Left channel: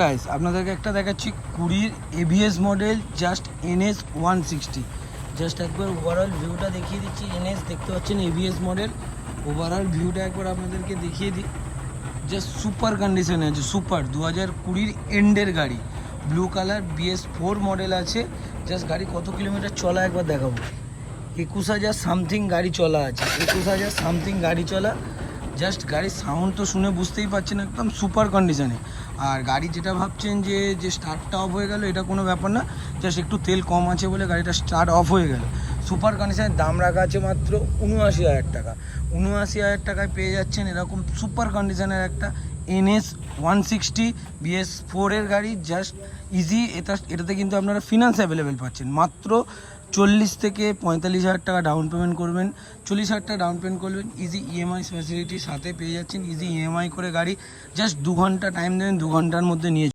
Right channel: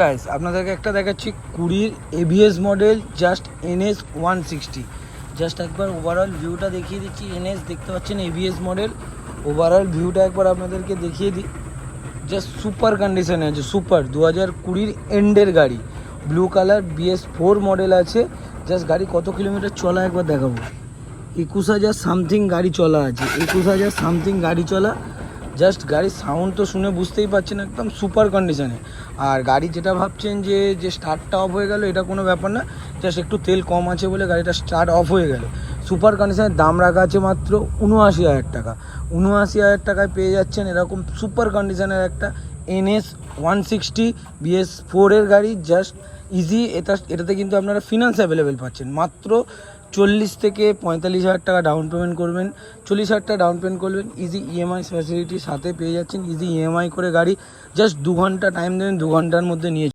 Guys আপনাদেরকে একটা দেখাচ্ছি 20 ABS model just NS 160। Just একবার ওভারঅল ভিউটা দেখিয়ে দিচ্ছি। NS দেখতে পাচ্ছেন এবিএস মডেল, ওভারঅল ভিউটা একবার আপনাদেরকে দেখিয়ে দিই। জাস্ট সুপার কন্ডিশনে আছে, সুপার 2020 এন্ডের গাড়ি, ব্লু কালার BS4 মডেল আছে। জাস্ট গাড়ি কত কিলোমিটার চলা একবার দেখাবো। 21,000 সামথিং গাড়ি চলা আছে, 21,000 সামথিং গাড়ি চলা। জাস্ট গাড়ির সাউন্ড তো শুনে বুঝতেই পারছেন একদম সুপার কন্ডিশনে। আর গাড়ি যেটা ভাবছেন যে স্টার্টটা অফ হয়ে গেল, এটা কোনো ব্যাপার না। জাস্ট একটু তেল কম আছে বলে গাড়িটা স্টার্ট অফ হয়ে গেল। সুপার কন্ডিশনের দাম রাখা আছে মাত্র 79,000 টাকা। 79,000 টাকায় পেয়ে যাচ্ছেন এরকম সুপার কন্ডিশনের একটা NS 160 BS4 এর গাড়ি। Just easy. এটাতে কিন্তু আপনারা ফিনান্স অ্যাভেলেবেল পাচ্ছেন। মাত্র 40 থেকে 45,000 টাকা ডাউন পেমেন্ট করবেন, 40,000 টাকা ডাউন পেমেন্ট করবেন, ইজি EMI ফ্যাসিলিটির সাথে পেয়ে যাচ্ছেন। ইজি EMI করে গাড়ি জাস্ট 2 ঘন্টা টাইম দেবেন, 2 ঘন্টার মধ্যে নিয়ে